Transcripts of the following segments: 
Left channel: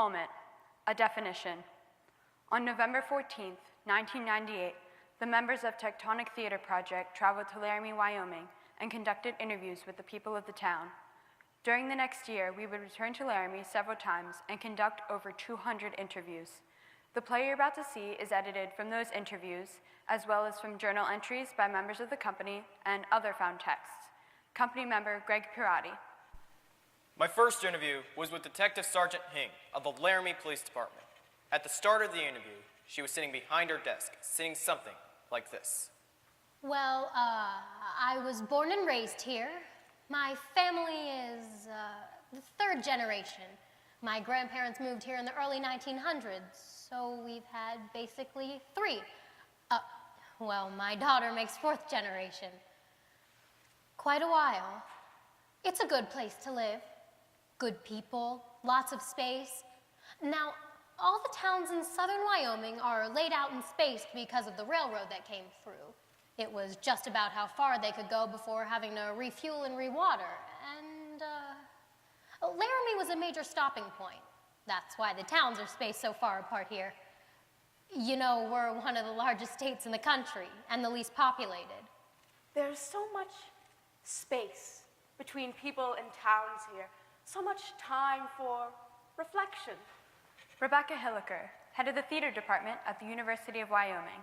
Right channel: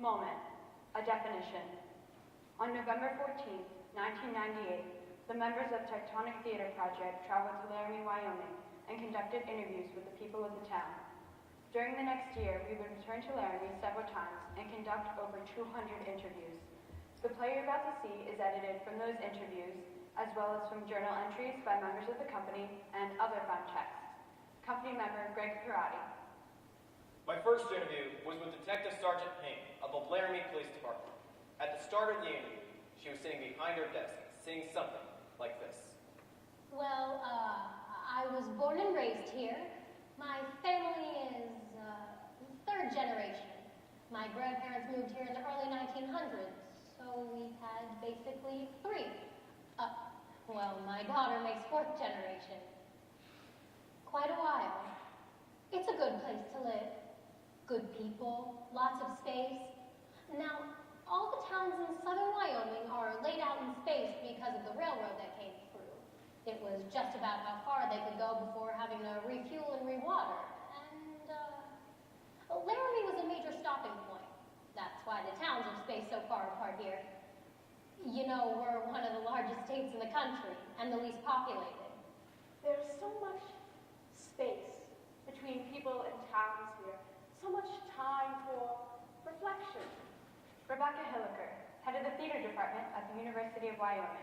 Moment, a definition. On November 14th, 1998, the members of Tectonic Theater Project traveled to Laramie, Wyoming, and conducted interviews with the people of the town. During the next year, we would return to Laramie several times and conduct over 200 interviews. The play you're about to see is edited from those interviews, as well as from journal entries by members of the company and other found texts. Company member Greg Pirati. My first interview was with Detective Sergeant Hing of the Laramie Police Department. At the start of the interview, she was sitting behind her desk, saying something like this. Well, I was born and raised here. My family is the third generation. My grandparents moved here in the early 1900s, so we've had basically three. Well, my daughter makes fourth generation. Quite a while. It's a good place to live. Good people, lots of space. Now, all the towns in southern Wyoming are laid out and spaced because of the railroad that came through. It was just about how far they could go before having to refuel and rewater. And Laramie was a major stopping point. That's why the towns are spaced so far apart here. You know, we're one of the largest states in the country and the least populated. There's so much space between people and towns here. So much time for reflection. Rebecca Hilliker, head of the theater department at the University of Wyoming.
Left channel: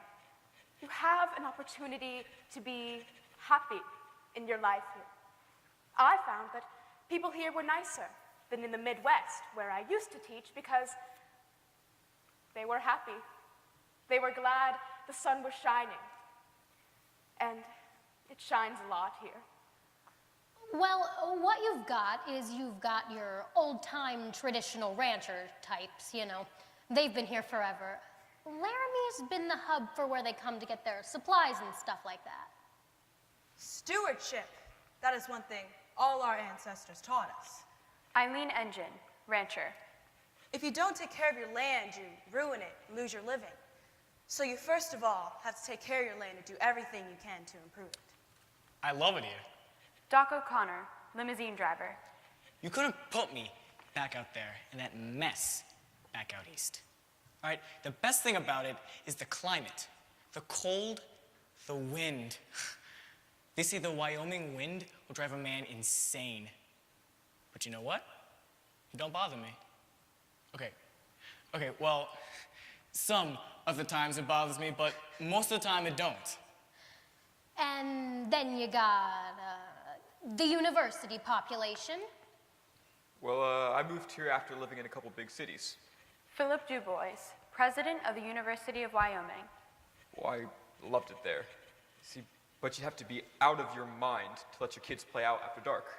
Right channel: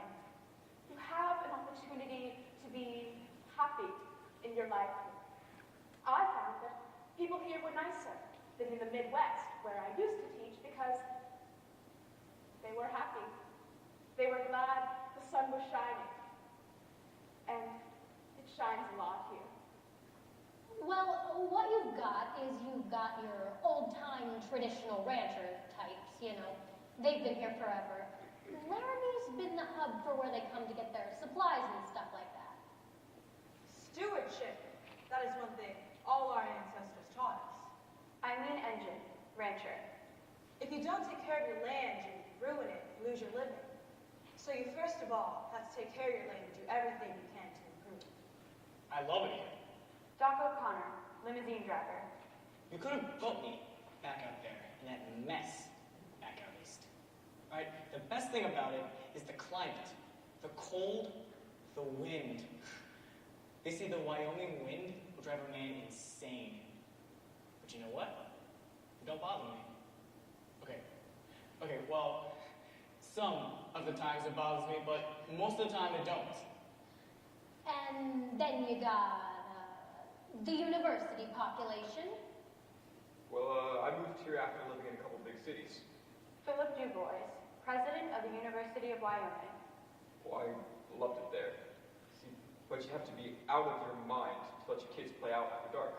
You have an opportunity to be happy in your life here. I found that people here were nicer than in the Midwest, where I used to teach, because they were happy. They were glad the sun was shining. And it shines a lot here. Well, what you've got is you've got your old-time traditional rancher types, you know. They've been here forever. Laramie's been the hub for where they come to get their supplies and stuff like that. Stewardship. That is one thing all our ancestors taught us. Eileen Engine, rancher. If you don't take care of your land, you ruin it and lose your living. So you first of all have to take care of your land and do everything you can to improve it. I love it here. Doc O'Connor, limousine driver. You couldn't put me back out there in that mess back out east. All right, the best thing about it is the climate, the cold, the wind. They say the Wyoming wind will drive a man insane. But you know what? It don't bother me. Okay, well, some of the times it bothers me, but most of the time it don't. And then you got the university population. Well, I moved here after living in a couple big cities. Philip Dubois, president of the University of Wyoming. Well, I loved it there. See, but you have to be out of your mind to let your kids play out after dark.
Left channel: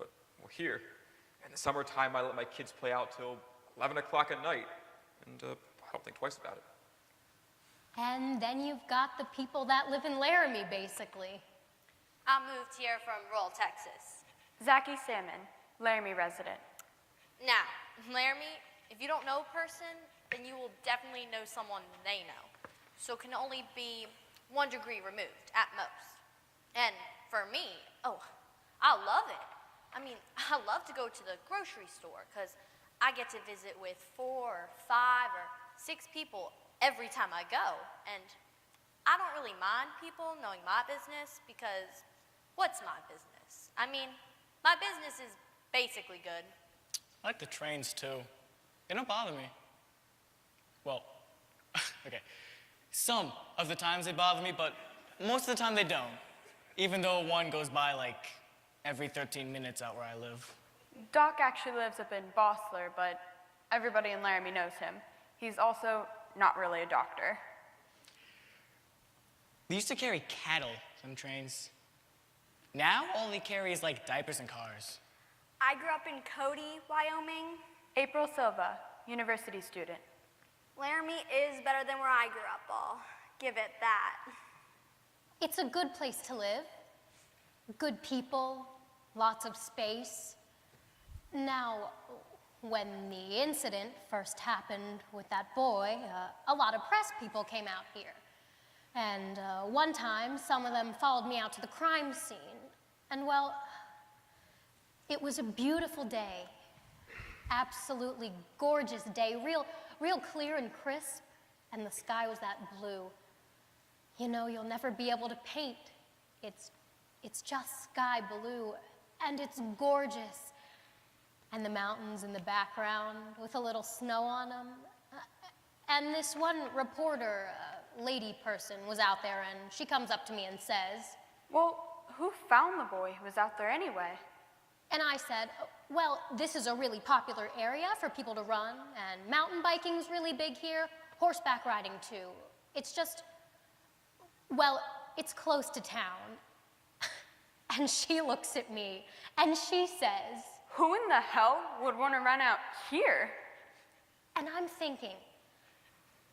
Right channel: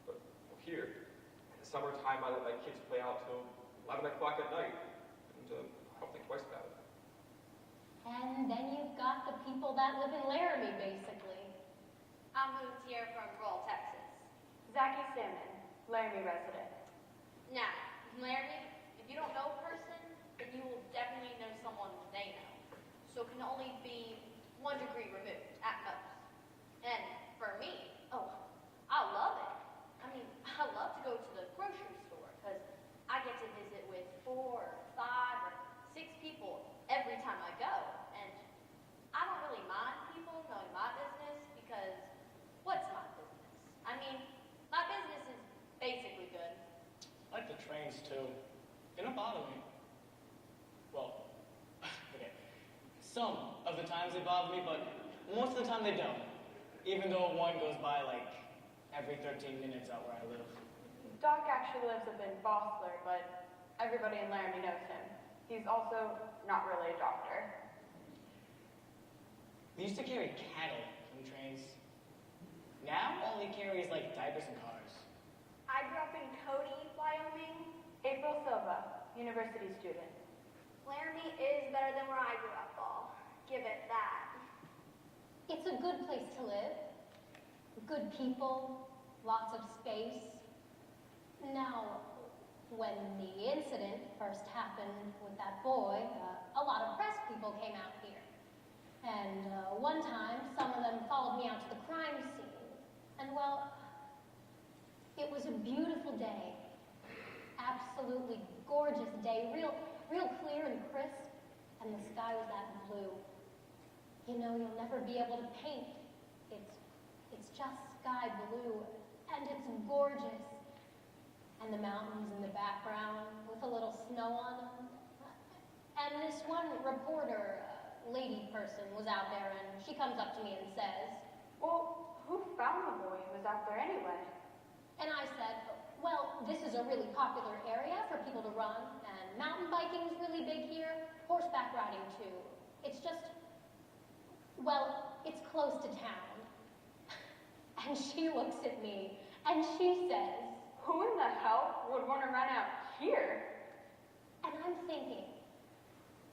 But here, in the summertime, I let my kids play out till 11 o'clock at night, and I don't think twice about it. And then you've got the people that live in Laramie, basically. I moved here from rural Texas. Zachy Salmon, Laramie resident. Now, Laramie, if you don't know a person, then you will definitely know someone they know. So it can only be 1 degree removed at most. And for me, I love it. I mean, I love to go to the grocery store because I get to visit with 4, 5, or 6 people every time I go. And I don't really mind people knowing my business because what's my business? I mean, my business is basically good. I like the trains too. They don't bother me. Well, okay. Some of the times they bother me, but most of the time they don't. Even though one goes by like every 13 minutes out where I live. Doc actually lives up in Bossler, but everybody in Laramie knows him. He's also not really a doctor. They used to carry cattle, some trains. Now, all they carry is like diapers and cars. I grew up in Cody, Wyoming. April Silva, university student. Laramie is better than where I grew up, Ball. Give it that. It's a good place to live. Good people, lots of space. Now, when the incident first happened with that boy, a lot of press people came out here. And one time, some of them followed me out to the crime scene. And well, it was a beautiful day. absolutely gorgeous day, real clear and crisp, and the sky was that blue. You know, you'll never be able to paint. It's just sky blue, and it's gorgeous. And the mountains in the background with a little snow on them. And this one reporter, lady person, was out there, and she comes up to me and says, Well, who found the boy who was out there anyway? and I said, well, this is a really popular area for people to run, and mountain biking is really big here, horseback riding too. It's just, well, it's close to town. And she looks at me, and she says, Who in the hell would want to run out here? and I'm thinking,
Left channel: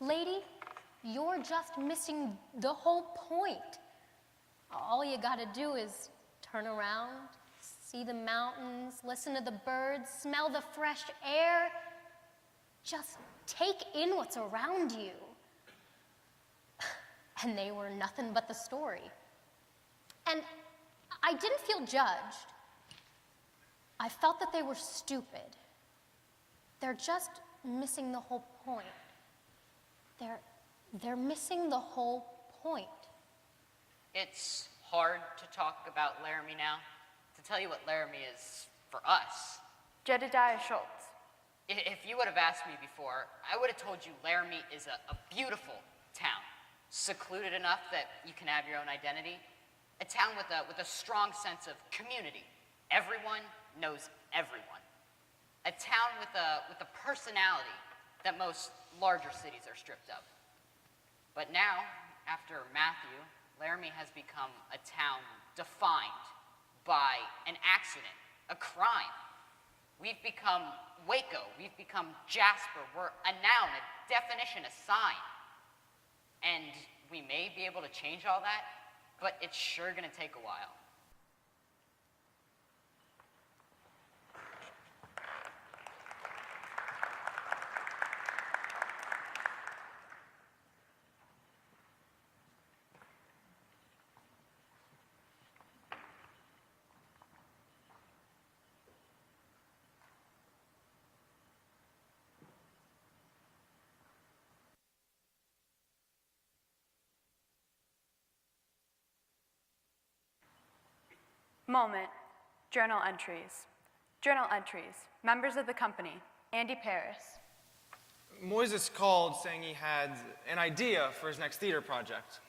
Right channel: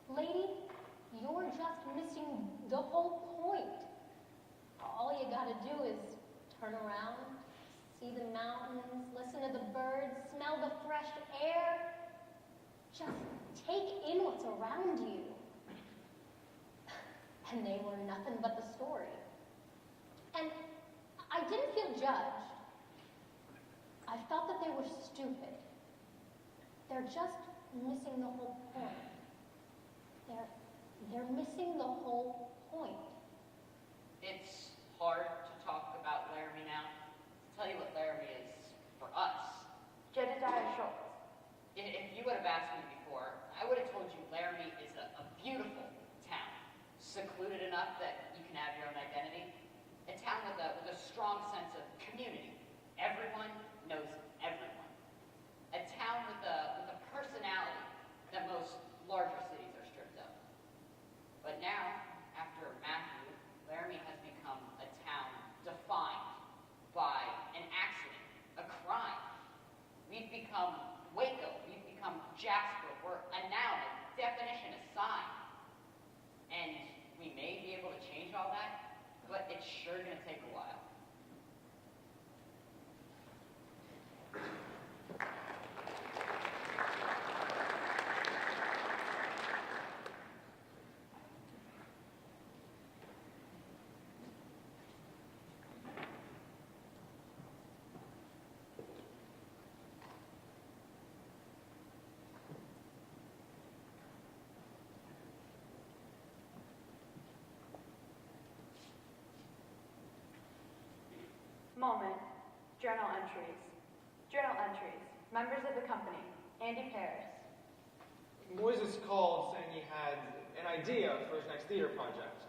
lady, you're just missing the whole point. All you gotta do is turn around, see the mountains, listen to the birds, smell the fresh air. Just take in what's around you. And they were nothing but the story. And I didn't feel judged. I felt that they were stupid. They're just missing the whole point. They're missing the whole point. It's hard to talk about Laramie now. To tell you what Laramie is for us. Jedediah Schultz. If you would have asked me before, I would have told you Laramie is a beautiful town. Secluded enough that you can have your own identity. A town with a strong sense of community. Everyone knows everyone. A town with a personality that most larger cities are stripped of. But now, after Matthew, Laramie has become a town defined by an accident, a crime. We've become Waco, we've become Jasper, we're a noun, a definition, a sign. And we may be able to change all that, but it's sure gonna take a while. Moment. Journal entries. Journal entries. Members of the company. Andy Paris. Moises called saying he had an idea for his next theater project.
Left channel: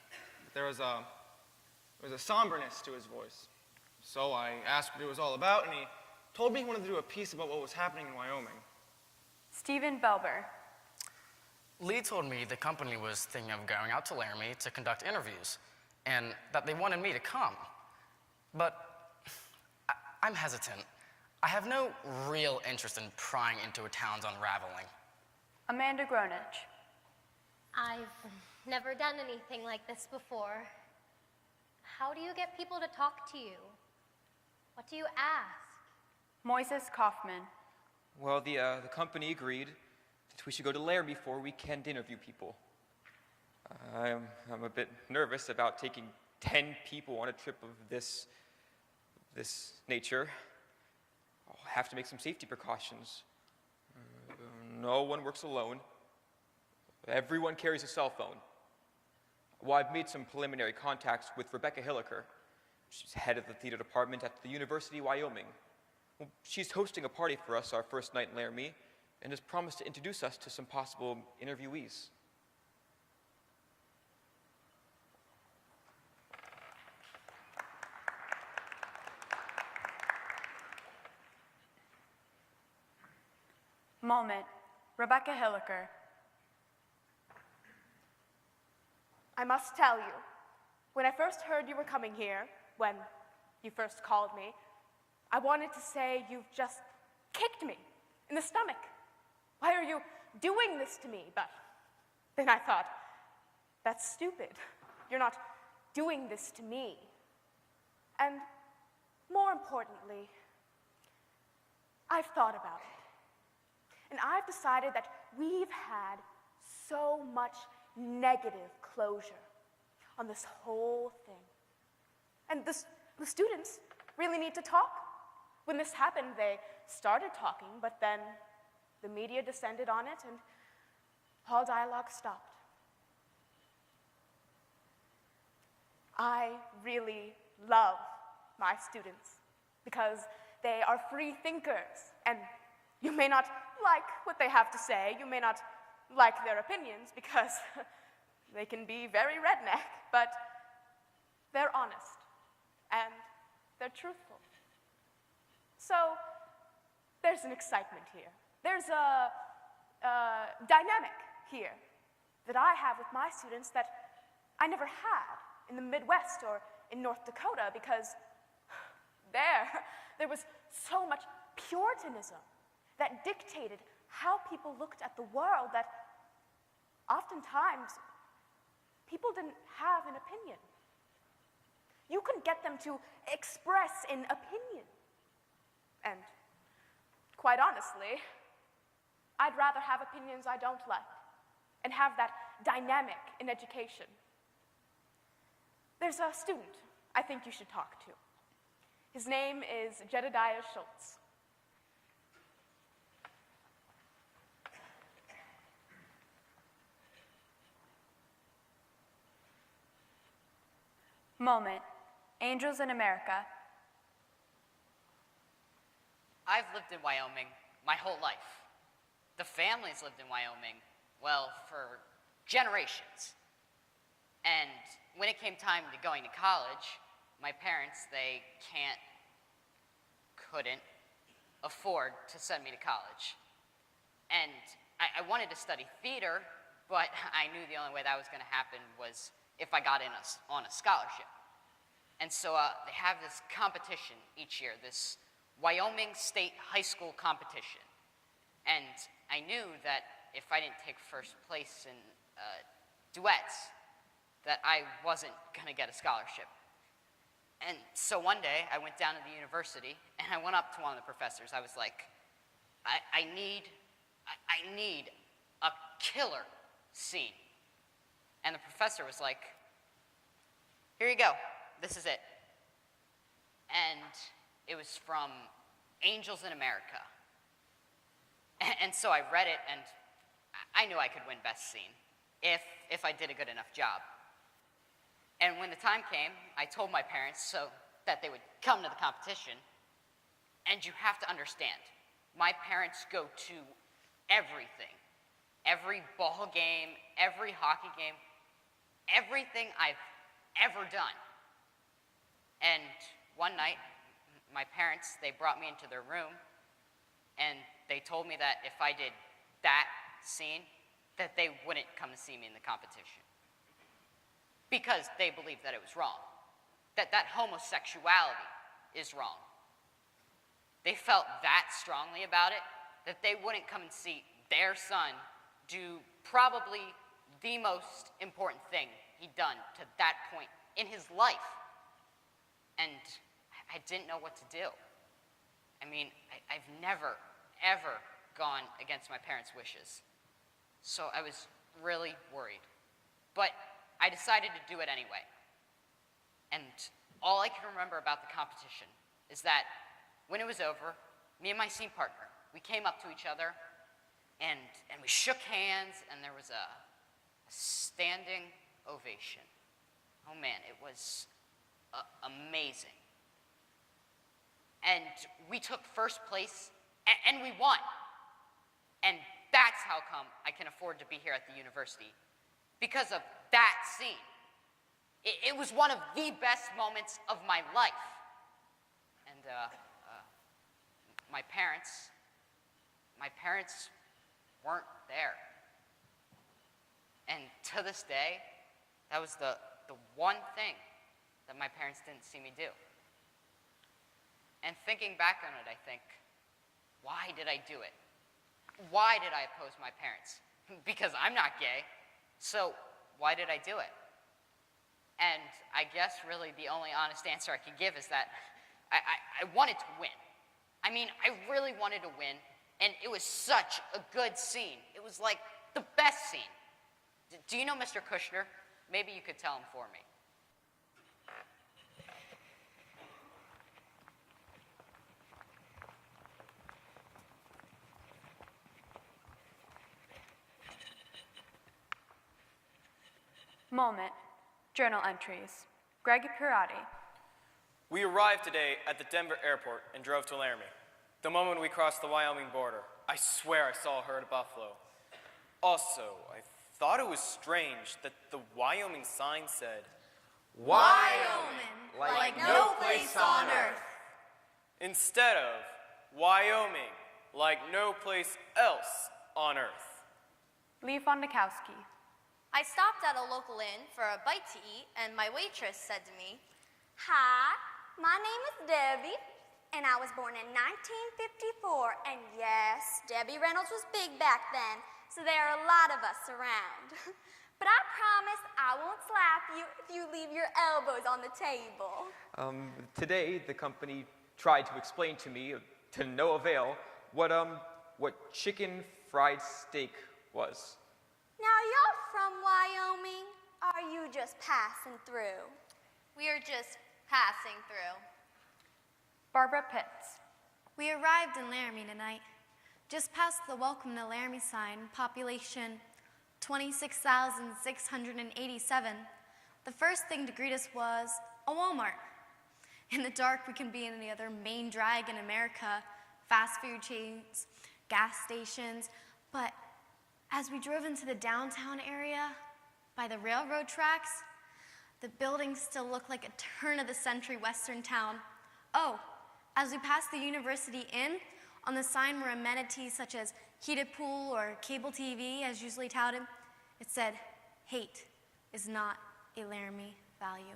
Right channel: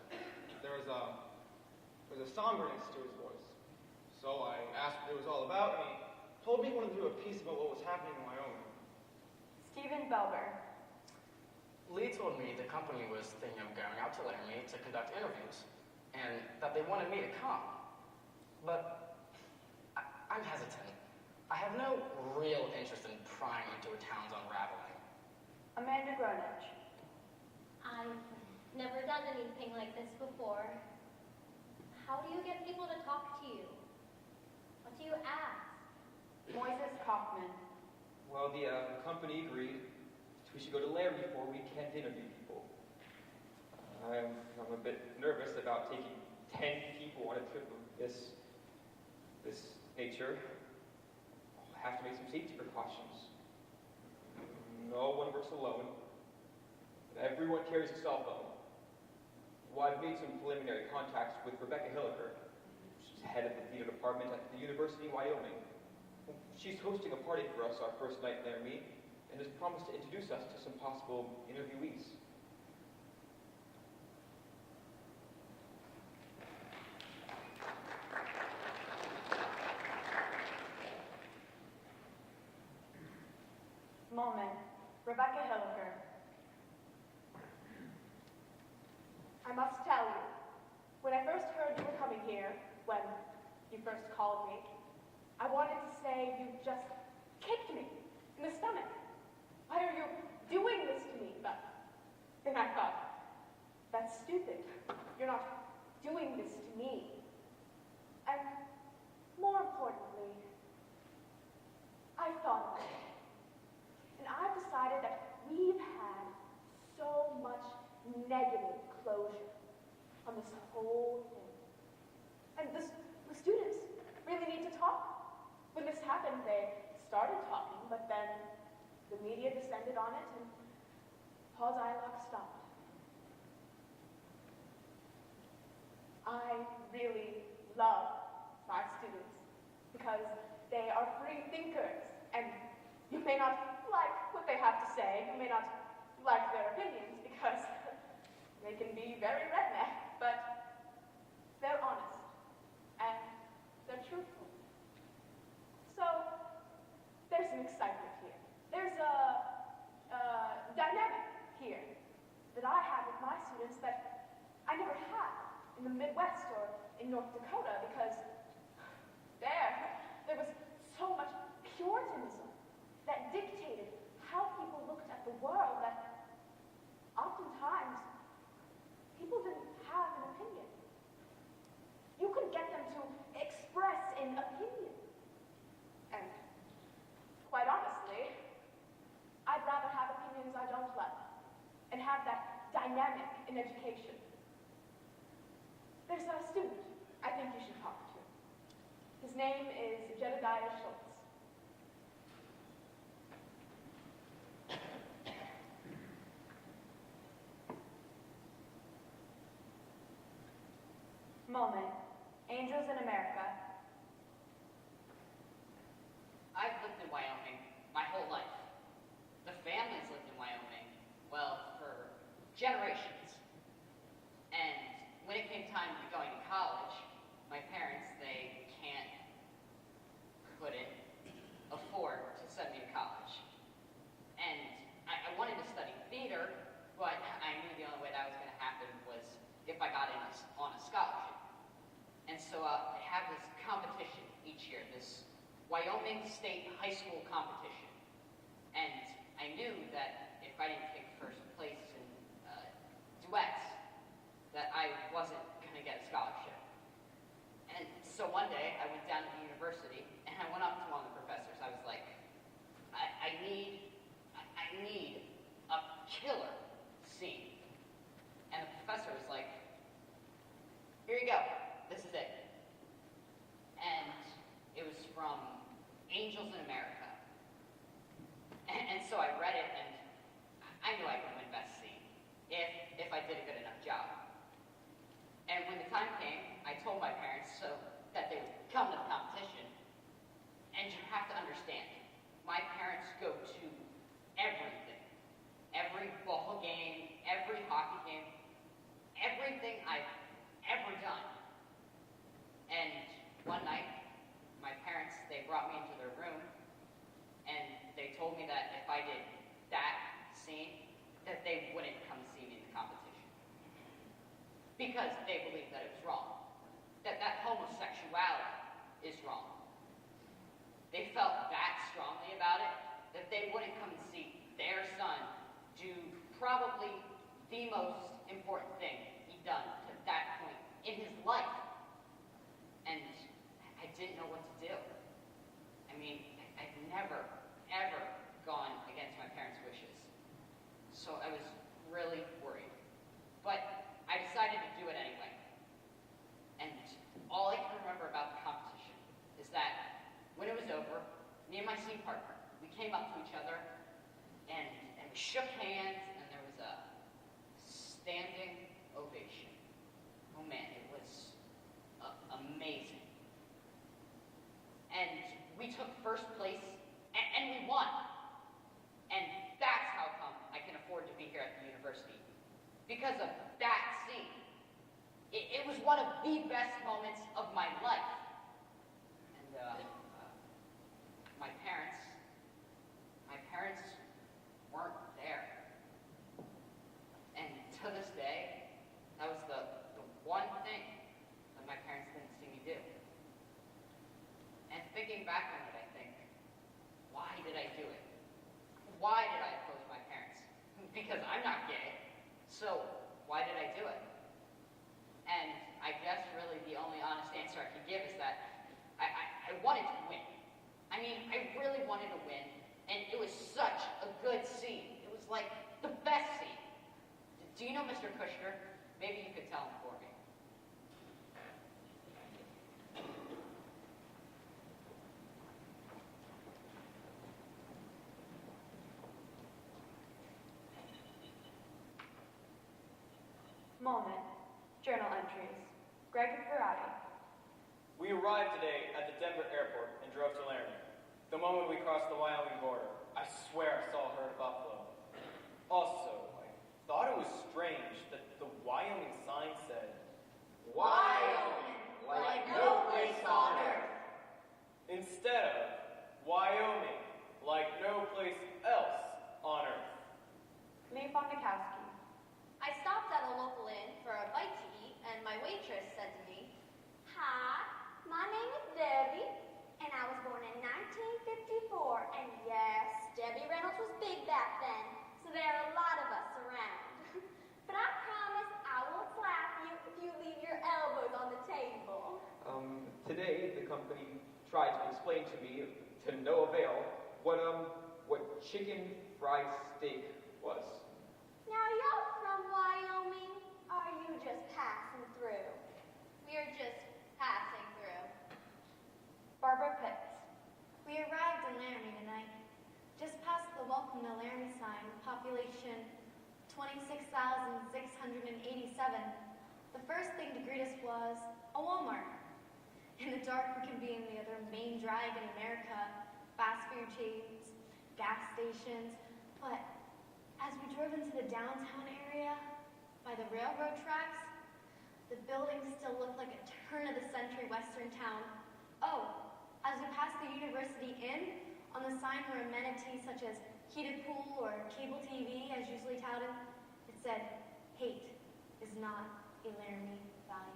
There was a somberness to his voice. So I asked what it was all about, and he told me he wanted to do a piece about what was happening in Wyoming. Stephen Belber. Lee told me the company was thinking of going out to Laramie to conduct interviews, and that they wanted me to come. But I'm hesitant. I have no real interest in prying into a town's unraveling. Amanda Gronich. I've never done anything like this before. How do you get people to talk to you? What do you ask? Moises Kaufman. Well, the company agreed that we should go to Laramie for a weekend to interview people. I'm a bit nervous about taking 10 people on a trip of this nature. I'll have to make some safety precautions. No one works alone. Everyone carries a cell phone. Well, I've made some preliminary contacts with Rebecca Hilliker. She's head of the theater department at the University of Wyoming. She's hosting a party for us our first night in Laramie and has promised to introduce us to some possible interviewees. Moment. Rebecca Hilliker. I must tell you, when I first heard you were coming here, when you first called me, I wanted to say you just kicked me in the stomach. Why are you doing this to me? But then I thought, that's stupid. You're not doing this to me. And more importantly, I've thought about it. And I've decided that we've had so much negative closure on this whole thing. And the students really need to talk. When this happened, they started talking, but then The media descended on it, and all dialogue stopped. I really love my students because they are free thinkers, and you may not like what they have to say, you may not like their opinions because they can be very redneck, but they're honest and they're truthful. So there's an excitement here. There's a dynamic here that I have with my students that I never had in the Midwest or in North Dakota, because there was so much Puritanism that dictated how people looked at the world that oftentimes people didn't have an opinion. You couldn't get them to express an opinion. And quite honestly, I'd rather have opinions I don't like and have that dynamic in education. There's a student I think you should talk to. His name is Jedediah Schultz. Moment. Angels in America. I've lived in Wyoming my whole life. The family's lived in Wyoming, well, for generations. And when it came time to going to college, my parents, they couldn't afford to send me to college. And I wanted to study theater, but I knew the only way that was going to happen was if I got in on a scholarship. And so they have this competition each year, this Wyoming State High School competition. And I knew that if I didn't take first place in duets, that I wasn't going to get a scholarship. And so one day, I went down to the university, and I went up to one of the professors. I was like, I need a killer scene. And the professor was like, here you go, this is it. And it was from Angels in America. And so I read it, and I knew I could win best scene if I did a good enough job. And when the time came, I told my parents so that they would come to the competition. And you have to understand, my parents go to everything. Every ball game, every hockey game, everything I've ever done. And one night, my parents, they brought me into their room, and they told me that if I did that scene, that they wouldn't come and see me in the competition. Because they believed that it was wrong. That homosexuality is wrong. They felt that strongly about it that they wouldn't come and see their son do probably the most important thing he'd done to that point in his life. And I didn't know what to do. I mean, I've never, ever gone against my parents' wishes. So I was really worried. But I decided to do it anyway. And all I can remember about the competition is that when it was over, me and my scene partner, we came up to each other and we shook hands, and there was a standing ovation. Oh man, it was amazing. And we took first place, and we won. And that's how come I can afford to be here at the university. Because of that scene. It was one of the best moments of my life. And my parents weren't there. And to this day, that was the one thing that my parents didn't see me do. And thinking back on it, I think, why did I do it? Why did I oppose my parents? Because I'm not gay. So why did I do it? And I guess really the only honest answer I could give is that I wanted to win. I mean, I really wanted to win, and it was such a good scene. It was like the best scene. Do you know Mr. Kushner? Maybe you could tell him for me. Moment. Journal entries. Greg Pirati. We arrived today at the Denver airport and drove to Laramie. The moment we crossed the Wyoming border, I swear I saw a herd of buffalo. Also, I thought it was strange that the Wyoming sign said, Wyoming, like no place on earth. instead of Wyoming, like no place else on earth. Lee Fondakowski. I stopped at a local inn for a bite to eat, and my waitress said to me, "Hi, my name is Debbie, and I was born in 1954, and yes, Debbie Reynolds was big back then, so there are a lot of us around. But I promise I won't slap you if you leave your elbows on the table." Today, the company tried to explain to me, to no avail, what chicken fried steak was. Now you're from Wyoming, or are you just passing through? We are just passing through. Barbara Pitts. We arrived in Laramie tonight. Just past the Welcome to Laramie sign, population 26,687. The first thing to greet us was a Walmart. In the dark, we can be any other main drag in America, fast food chains, gas stations, but as we drove into the downtown area, by the railroad tracks, the buildings still looked like a turn-of-the-century Western town. Oh, as we passed the University Inn, on the sign were amenities such as heated pool or cable TV, as usually touted. It said, "Hate is not a Laramie value."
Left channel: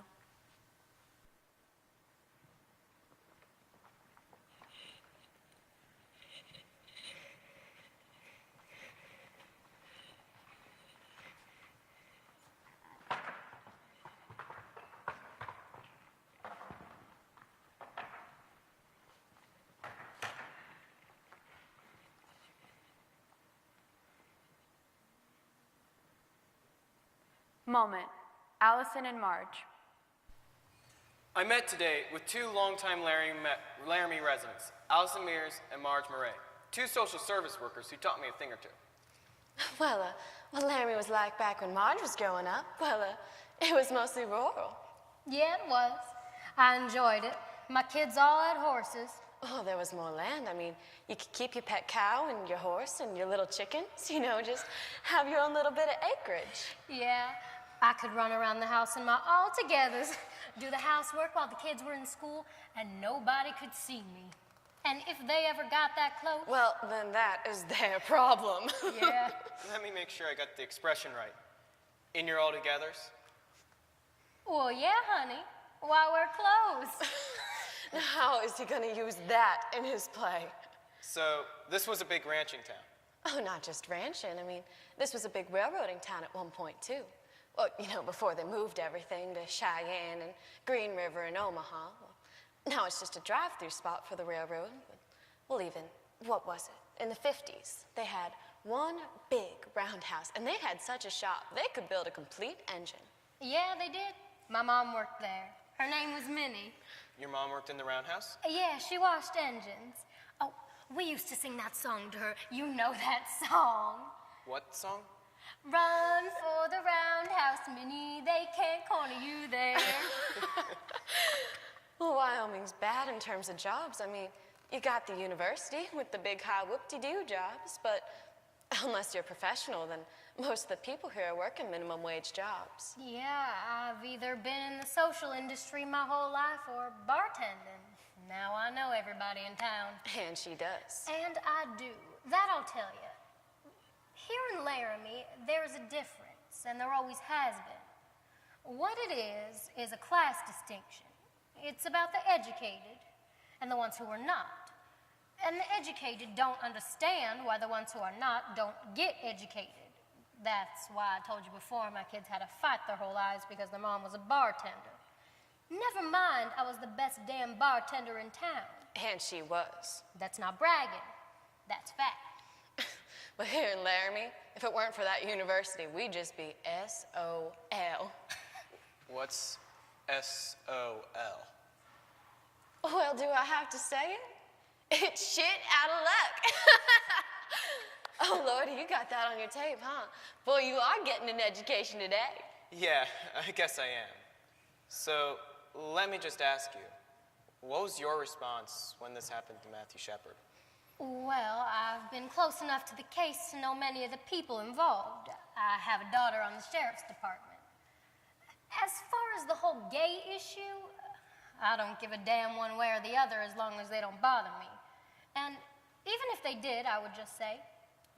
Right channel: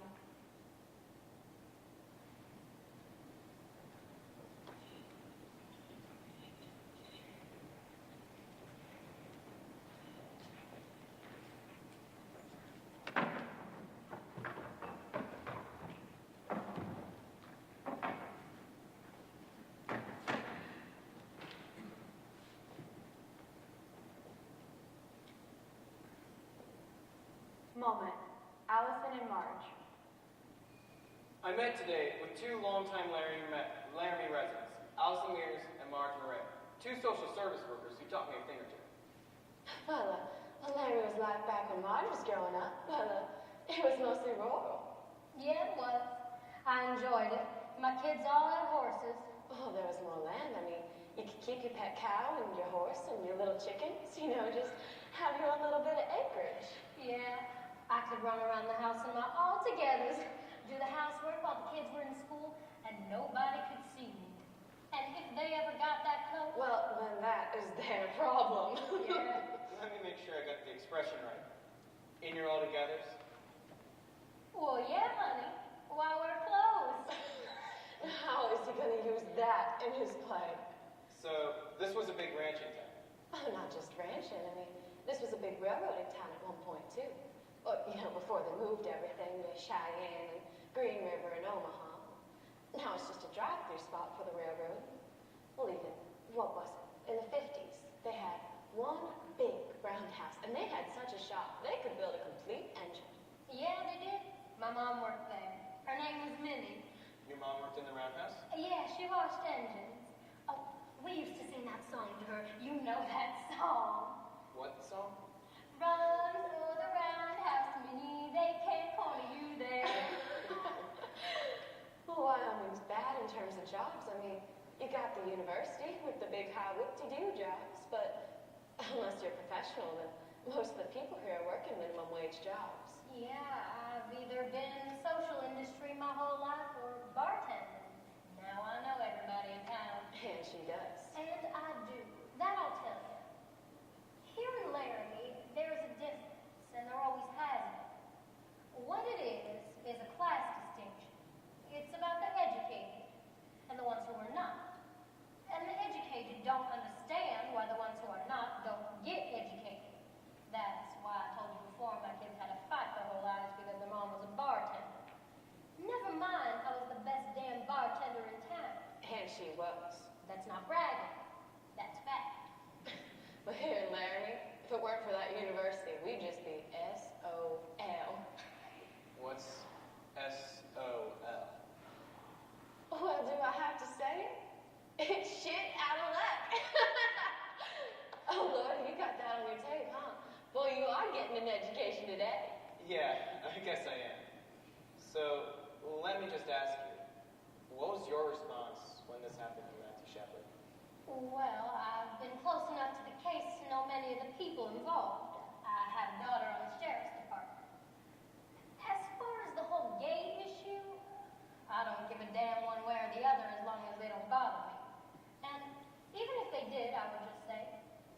Moment. Allison and Marge. I met today with two longtime Laramie residents, Allison Mears and Marge Murray, two social service workers who taught me a thing or two. Well, what Laramie was like back when Marge was growing up, it was mostly rural. Yeah, it was. I enjoyed it. My kids all had horses. Oh, there was more land. I mean, you could keep your pet cow and your horse and your little chickens, just have your own little bit of acreage. Yeah, I could run around the house in my all-togethers, do the housework while the kids were in school, and nobody could see me. And if they ever got that close... Well, then that is their problem. Yeah. Let me make sure I got the expression right. In your all-togethers? Well, yeah, honey. Why wear clothes? Now, how is he going to use that in his play? So, this was a big ranching town. Oh, not just ranching. I mean, this was a big railroading town at one point, too. Well, before they moved everything to Cheyenne and Green River and Omaha. Now it's just a drive-through spot for the railroad. Well, even, what was it? In the 50s, they had one big roundhouse, and they had such a shop, they could build a complete engine. Yeah, they did. My mom worked there. Her name was Minnie. Your mom worked in the roundhouse? Yeah, she washed engines. Oh, we used to sing that song to her. You know that song. What song? Run for the roundhouse, Minnie. They can't corner you there. Well, Wyoming's bad in terms of jobs. I mean, you got the university with the big high whoop-de-doo jobs, but unless you're professional, then most of the people here are working minimum wage jobs. Yeah, I've either been in the social industry my whole life or bartending. Now I know everybody in town. And she does. And I do. That I'll tell you. Here in Laramie, there's a difference, and there always has been. What it is a class distinction. It's about the educated and the ones who are not. And the educated don't understand why the ones who are not don't get educated. That's why I told you before my kids had to fight their whole lives because their mom was a bartender. Never mind, I was the best damn bartender in town. And she was. That's not bragging. That's fact. But here in Laramie, if it weren't for that university, we'd just be S-O-L. What's S-O-L? Well, do I have to say it? It's shit out of luck. Oh, Lord, you got that on your tape, huh? Boy, you are getting an education today. Yeah, I guess I am. So, let me just ask you, what was your response when this happened to Matthew Shepard? Well, I've been close enough to the case to know many of the people involved. I have a daughter on the sheriff's department. As far as the whole gay issue, I don't give a damn one way or the other as long as they don't bother me. And even if they did, I would just say,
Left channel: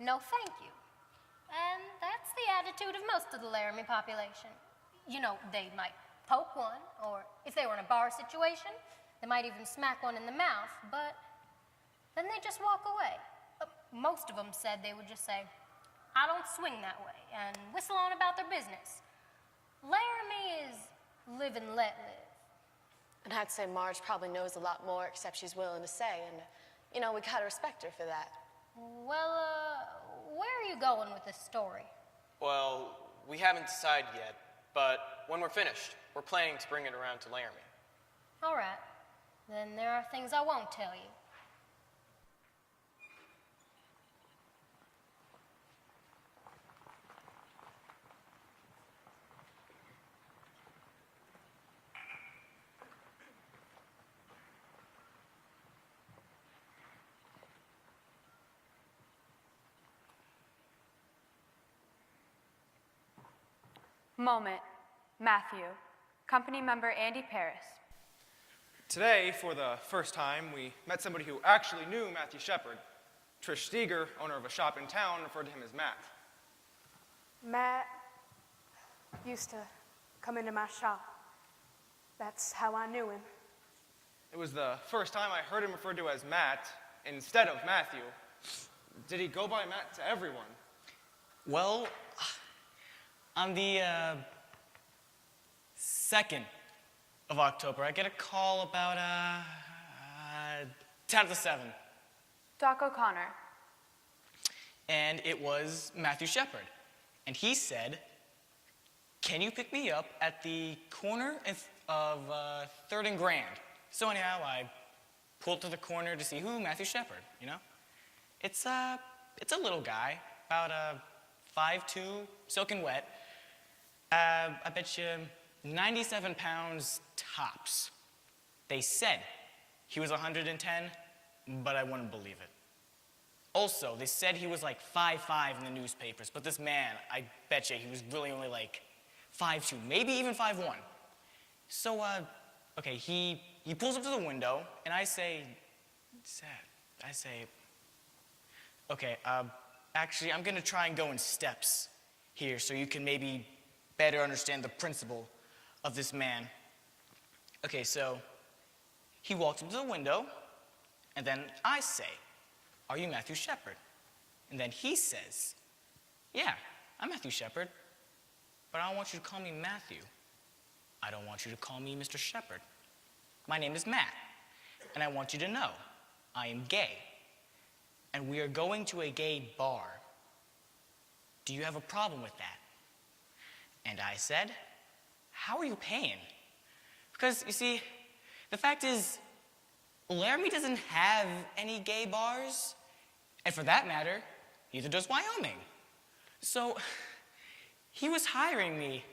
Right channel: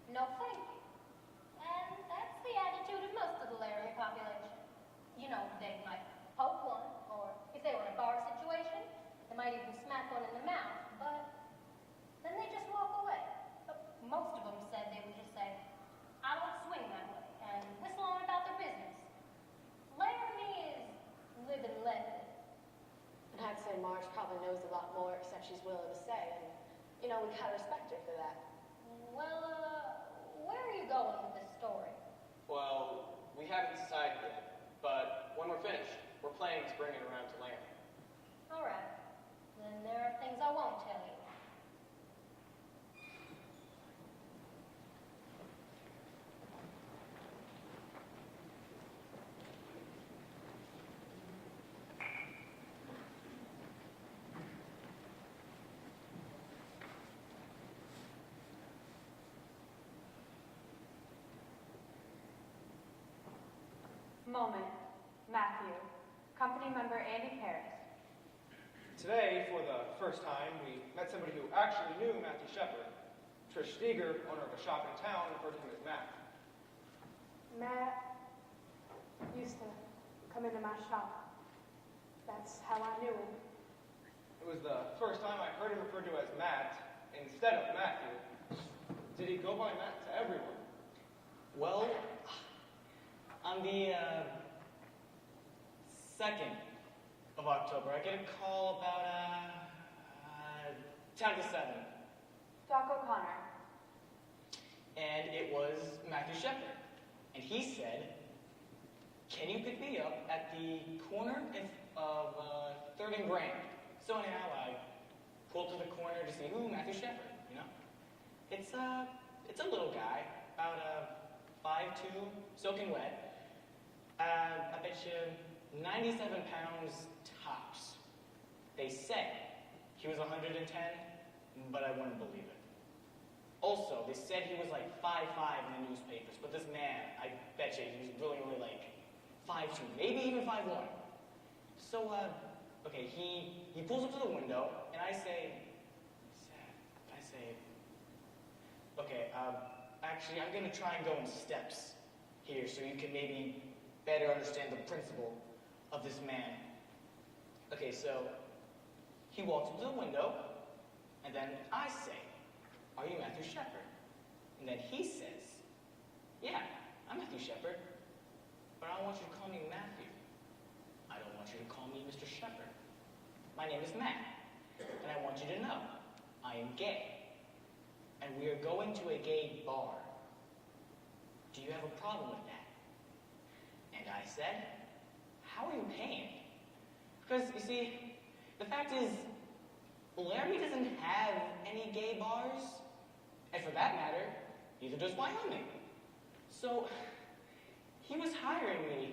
no thank you. And that's the attitude of most of the Laramie population. You know, they might poke one, or if they were in a bar situation, they might even smack one in the mouth, but then they just walk away. Most of them said they would just say, I don't swing that way, and whistle on about their business. Laramie is live and let live. And I'd say Marge probably knows a lot more, except she's willing to say, and, you know, we gotta respect her for that. Well, where are you going with this story? Well, we haven't decided yet, but when we're finished, we're planning to bring it around to Laramie. All right. Then there are things I won't tell you. Moment, Matthew. Company member Andy Paris. Today, for the first time, we met somebody who actually knew Matthew Shepard. Trish Steger, owner of a shop in town, referred to him as Matt. Matt used to come into my shop. That's how I knew him. It was the first time I heard him referred to as Matt instead of Matthew. Did he go by Matt to everyone? Well, on the 2nd of October, I get a call about 10 to 7. Doc O'Connor. And it was Matthew Shepard. And he said, can you pick me up at the corner of 3rd and Grand? So anyhow, I pulled to the corner to see who, Matthew Shepard, you know? It's a little guy, about 5'2", soaking wet. I bet you 97 pounds tops. They said he was 110, but I wouldn't believe it. Also, they said he was like 5'5" in the newspapers, but this man, I bet you he was really only like 5'2", maybe even 5'1". So, okay, he pulls up to the window, and I say, okay, actually, I'm gonna try and go in steps here so you can maybe better understand the principle of this man. Okay, so he walks up to the window, and then I say, are you Matthew Shepard? And then he says, yeah, I'm Matthew Shepard, but I don't want you to call me Matthew. I don't want you to call me Mr. Shepard. My name is Matt, and I want you to know I am gay, and we are going to a gay bar. Do you have a problem with that? And I said, how are you paying? Because, you see, the fact is, Laramie doesn't have any gay bars, and for that matter, neither does Wyoming. So, he was hiring me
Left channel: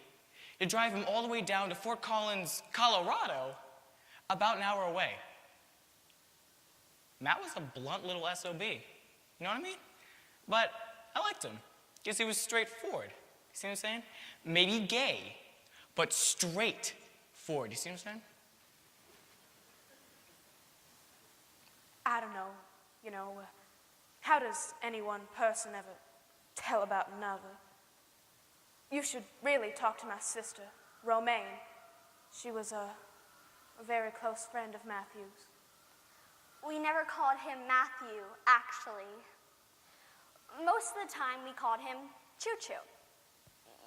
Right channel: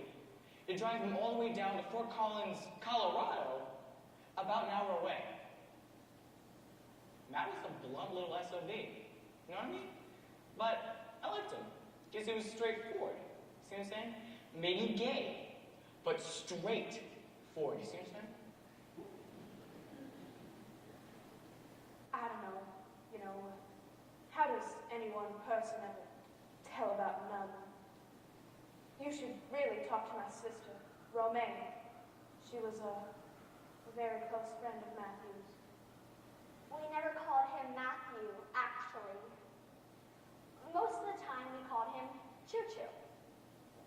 to drive him all the way down to Fort Collins, Colorado, about an hour away. Matt was a blunt little SOB, you know what I mean? But I liked him, because he was straightforward, you see what I'm saying? Maybe gay, but straightforward, you see what I'm saying? I don't know, you know, how does any one person ever tell about another? You should really talk to my sister, Romaine. She was a very close friend of Matthew's. We never called him Matthew, actually. Most of the time we called him Choo-Choo.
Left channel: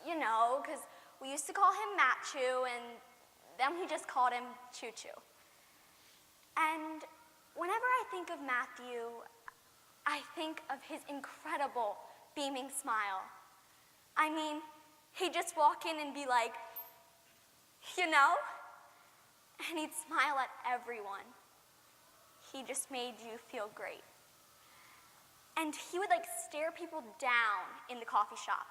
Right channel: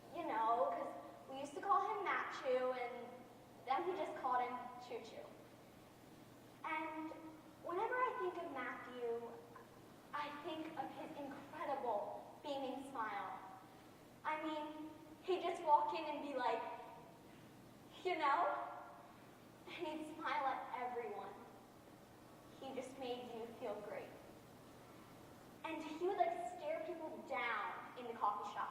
You know, because we used to call him Matchoo, and then we just called him Choo-Choo. And whenever I think of Matthew, I think of his incredible beaming smile. I mean, he'd just walk in and be like, you know? And he'd smile at everyone. He just made you feel great. And he would like stare people down in the coffee shop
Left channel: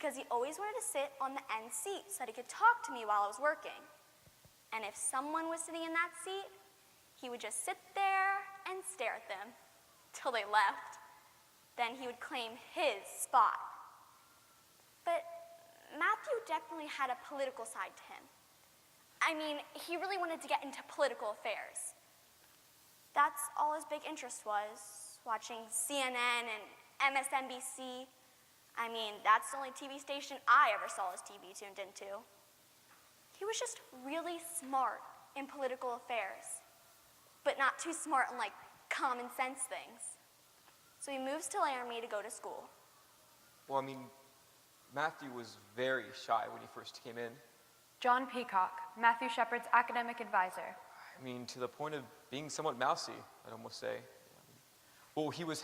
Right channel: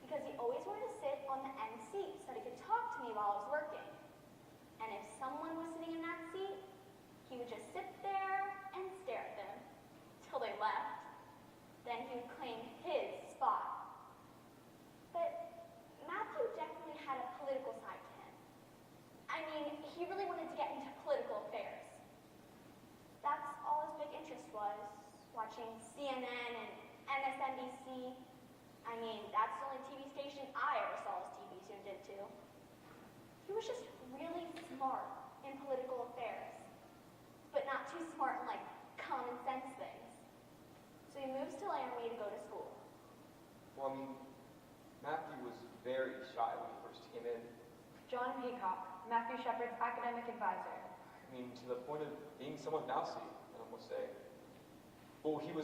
because he always wanted to sit on the end seat so that he could talk to me while I was working. And if someone was sitting in that seat, he would just sit there and stare at them till they left. Then he would claim his spot. But Matthew definitely had a political side to him. I mean, he really wanted to get into political affairs. That's all his big interest was, watching CNN and MSNBC. I mean, that's the only TV station I ever saw his TV tuned into. He was just really smart in political affairs, but not too smart in, like, common sense things. So he moves to Laramie to go to school. Well, I mean, Matthew was very shy when he first came in. John Peacock, Matthew Shepard's academic advisor. I mean, to the point of being somewhat mousy, I'd almost say. Well, he was